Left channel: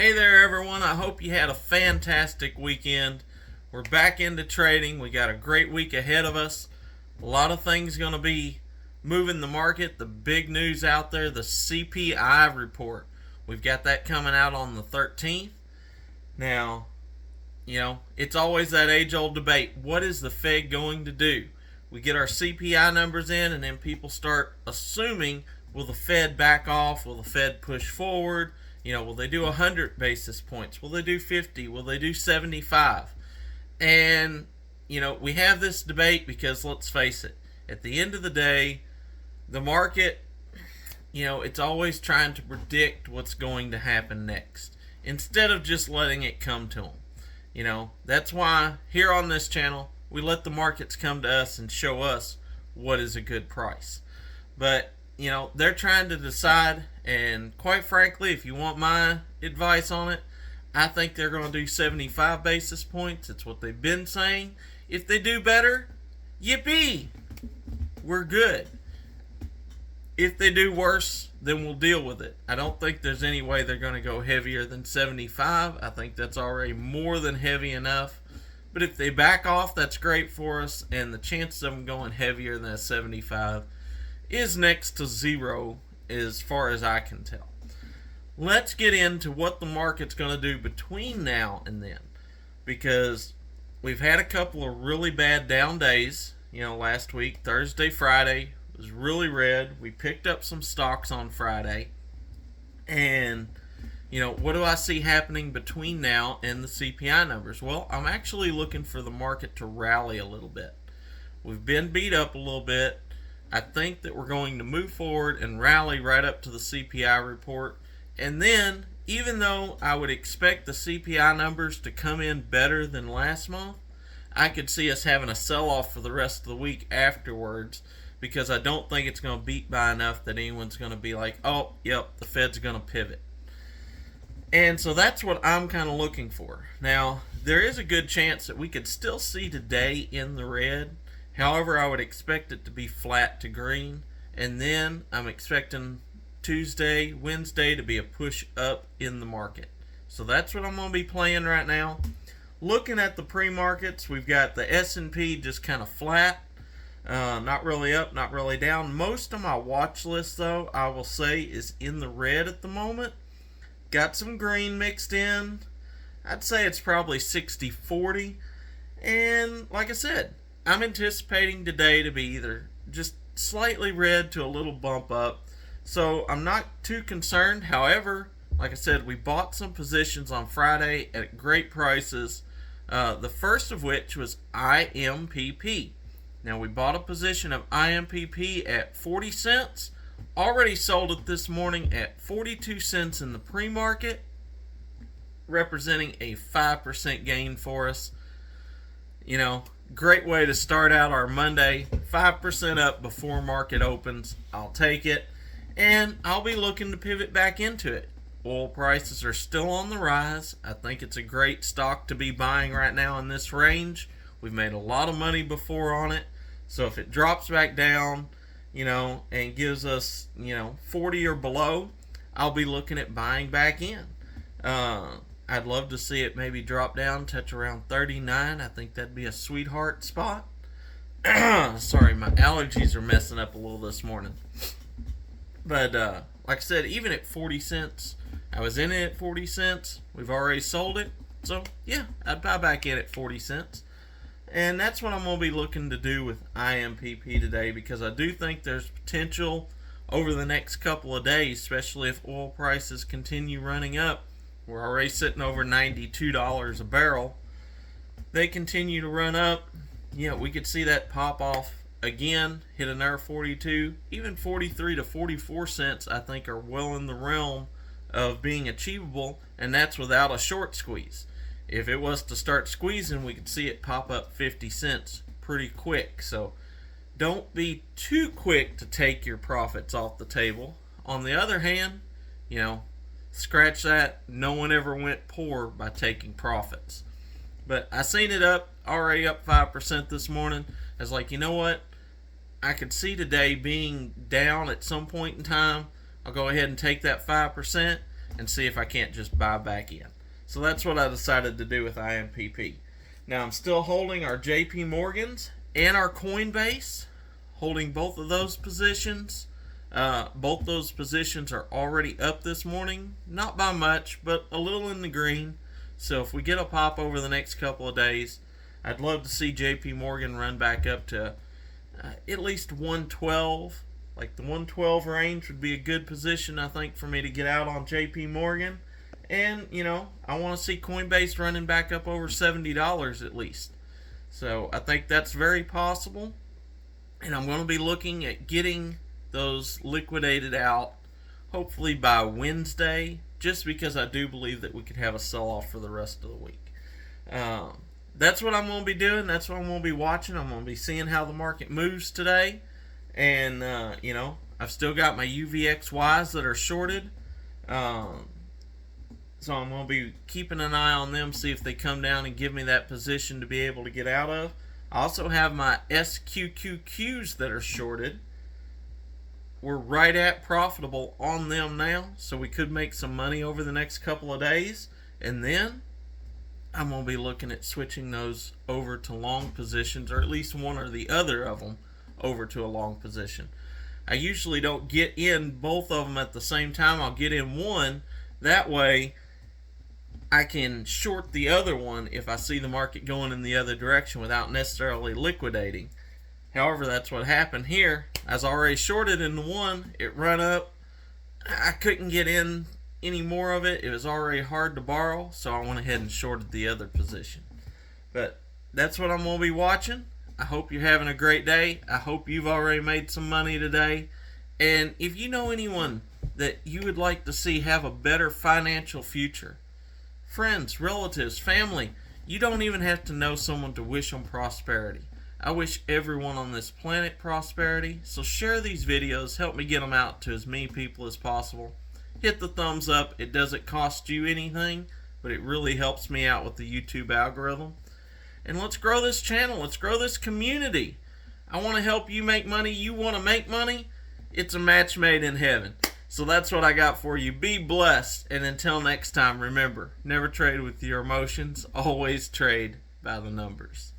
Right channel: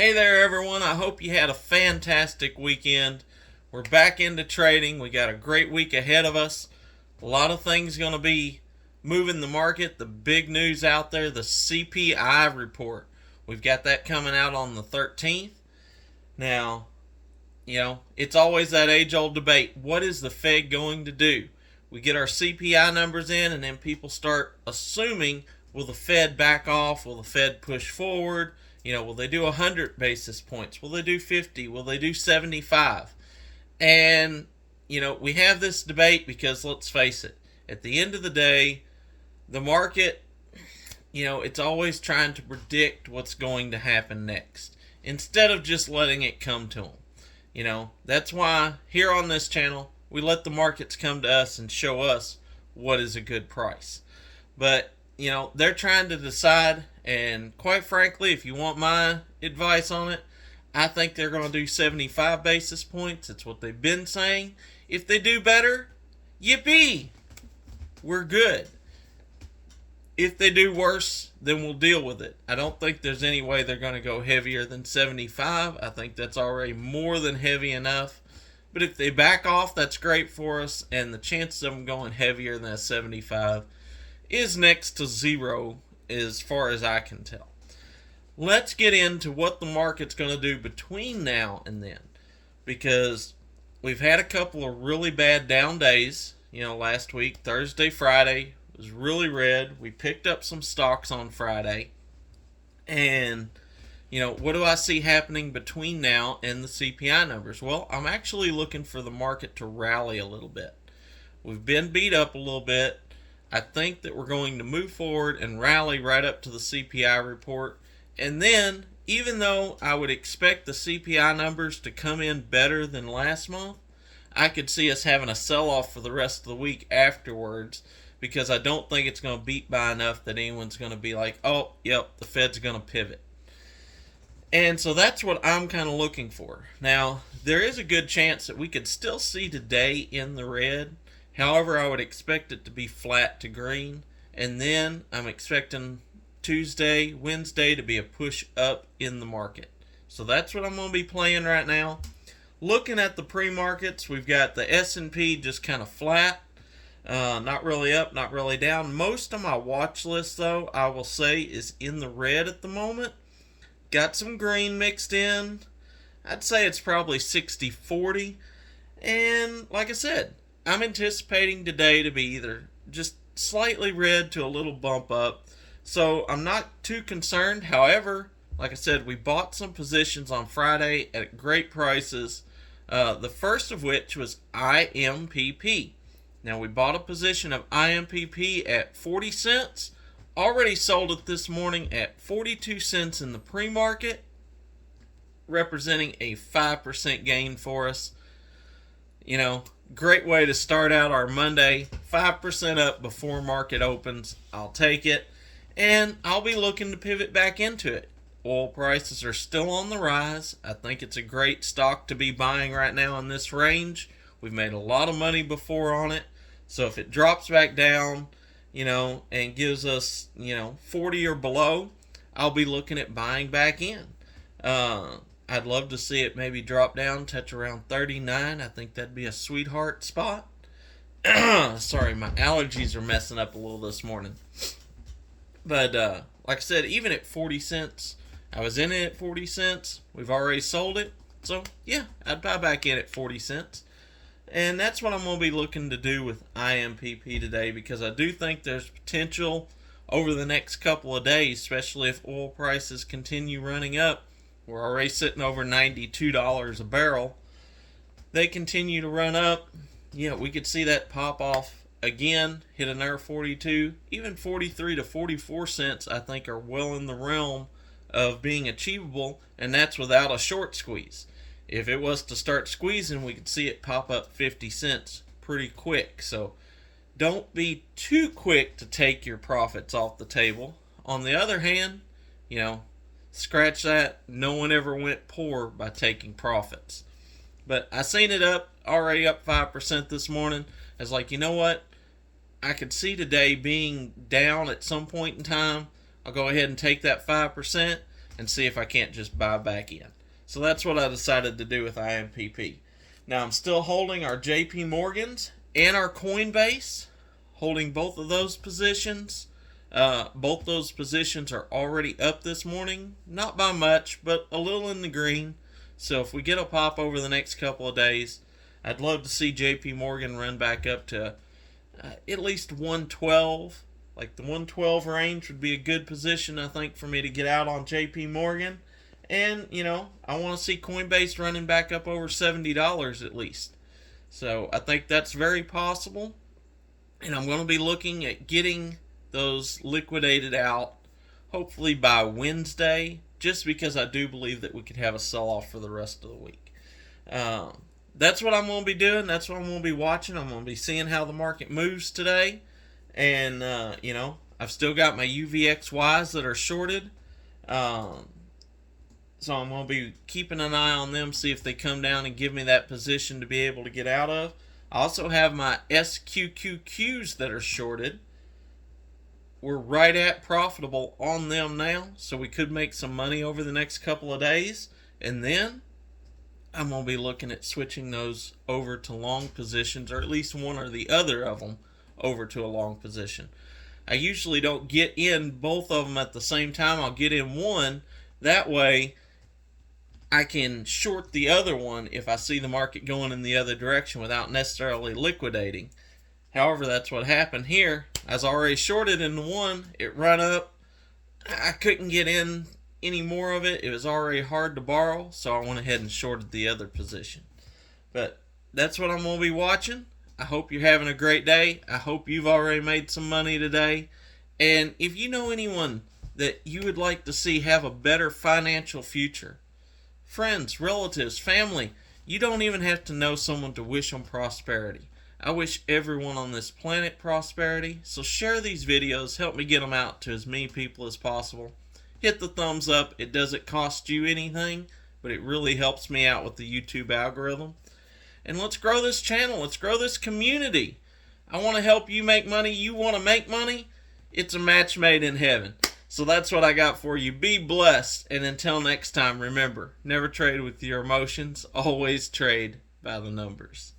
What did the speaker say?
Hey there, everyone. I hope you had a fantastic weekend. We're back into trading. We got a great week ahead of us. A lot of things going to be moving the market. The big news out there, the CPI report. We've got that coming out on the 13th. Now, it's always that age old debate. What is the Fed going to do? We get our CPI numbers in, and then people start assuming, will the Fed back off? Will the Fed push forward? Will they do 100 basis points? Will they do 50? Will they do 75? And, we have this debate because, let's face it, at the end of the day, the market, it's always trying to predict what's going to happen next instead of just letting it come to them. That's why here on this channel, we let the markets come to us and show us what is a good price. But, they're trying to decide, and quite frankly, if you want my advice on it, I think they're going to do 75 basis points. It's what they've been saying. If they do better, yippee, we're good. If they do worse, then we'll deal with it. I don't think there's any way they're going to go heavier than 75. I think that's already more than heavy enough. But if they back off, that's great for us, and the chances of them going heavier than a 75 is next to zero as far as I can tell. Let's get into what the market's going to do between now and then, because we've had a couple of really bad down days. Last week, Thursday, Friday was really red. We picked up some stocks on Friday, and what do I see happening between now and the CPI numbers? Well, I'm actually looking for the market to rally a little bit. We've been beat up a little bit. I think that we're going to move forward and rally right up to the CPI report. And then, even though I would expect the CPI numbers to come in better than last month, I could see us having a sell-off for the rest of the week afterwards, because I don't think it's going to beat by enough that anyone's going to be like, oh, yep, the Fed's going to pivot. And so that's what I'm kind of looking for. Now, there is a good chance that we could still see today in the red. However, I would expect it to be flat to green. And then I'm expecting Tuesday, Wednesday to be a push up in the market. So that's what I'm going to be playing right now. Looking at the pre-markets, we've got the S&P just kind of flat. Not really up, not really down. Most of my watch list, though, I will say, is in the red at the moment. Got some green mixed in. I'd say it's probably 60-40. And like I said, I'm anticipating today to be either just slightly red to a little bump up. So I'm not too concerned. However, like I said, we bought some positions on Friday at great prices. The first of which was IMPP. Now, we bought a position of IMPP at 40 cents. Already sold it this morning at 42 cents in the pre-market, representing a 5% gain for us. Great way to start out our Monday. 5% up before market opens. I'll take it. And I'll be looking to pivot back into it. Oil prices are still on the rise. I think it's a great stock to be buying right now in this range. We've made a lot of money before on it. So if it drops back down, and gives us, 40 or below, I'll be looking at buying back in. I'd love to see it maybe drop down, touch around 39. I think that'd be a sweetheart spot. Sorry, my allergies are messing up a little this morning. But like I said, even at 40 cents, I was in it at 40 cents. We've already sold it. So, yeah, I'd buy back in at 40 cents. And that's what I'm going to be looking to do with IMPP today, because I do think there's potential over the next couple of days, especially if oil prices continue running up. We're already sitting over $92 a barrel. They continue to run up. We could see that pop off again, hit another 42, even 43 to 44 cents, I think, are well in the realm of being achievable, and that's without a short squeeze. If it was to start squeezing, we could see it pop up 50 cents pretty quick. So don't be too quick to take your profits off the table. On the other hand, scratch that. No one ever went poor by taking profits. But I seen it already up 5% this morning. I was like, you know what? I could see today being down at some point in time. I'll go ahead and take that 5%. and see if I can't just buy back in. So that's what I decided to do with IMPP. Now I'm still holding our JP Morgans and our Coinbase, holding both of those positions. Both those positions are already up this morning, not by much, but a little in the green. So if we get a pop over the next couple of days, I'd love to see JP Morgan run back up to at least 112. Like the 112 range would be a good position, I think, for me to get out on JP Morgan. And, I want to see Coinbase running back up over $70 at least. So I think that's very possible. And I'm going to be looking at getting those liquidated out hopefully by Wednesday, just because I do believe that we could have a sell-off for the rest of the week. That's what I'm going to be doing. That's what I'm going to be watching. I'm going to be seeing how the market moves today. And, I've still got my UVXYs that are shorted. So I'm going to be keeping an eye on them, see if they come down and give me that position to be able to get out of. I also have my SQQQs that are shorted. We're right at profitable on them now, so we could make some money over the next couple of days. And then I'm going to be looking at switching those over to long positions, or at least one or the other of them over to a long position. I usually don't get in both of them at the same time. I'll get in one. That way I can short the other one if I see the market going in the other direction without necessarily liquidating. However, that's what happened here. I was already shorted in the one. It run up. I couldn't get in any more of it. It was already hard to borrow, so I went ahead and shorted the other position. But that's what I'm going to be watching. I hope you're having a great day. I hope you've already made some money today. And if you know anyone that you would like to see have a better financial future, friends, relatives, family, you don't even have to know someone to wish them prosperity. I wish everyone on this planet prosperity, so share these videos, help me get them out to as many people as possible. Hit the thumbs up. It doesn't cost you anything, but it really helps me out with the YouTube algorithm. And let's grow this channel. Let's grow this community. I want to help you make money. You want to make money? It's a match made in heaven. So that's what I got for you. Be blessed. And until next time, remember, never trade with your emotions. Always trade by the numbers.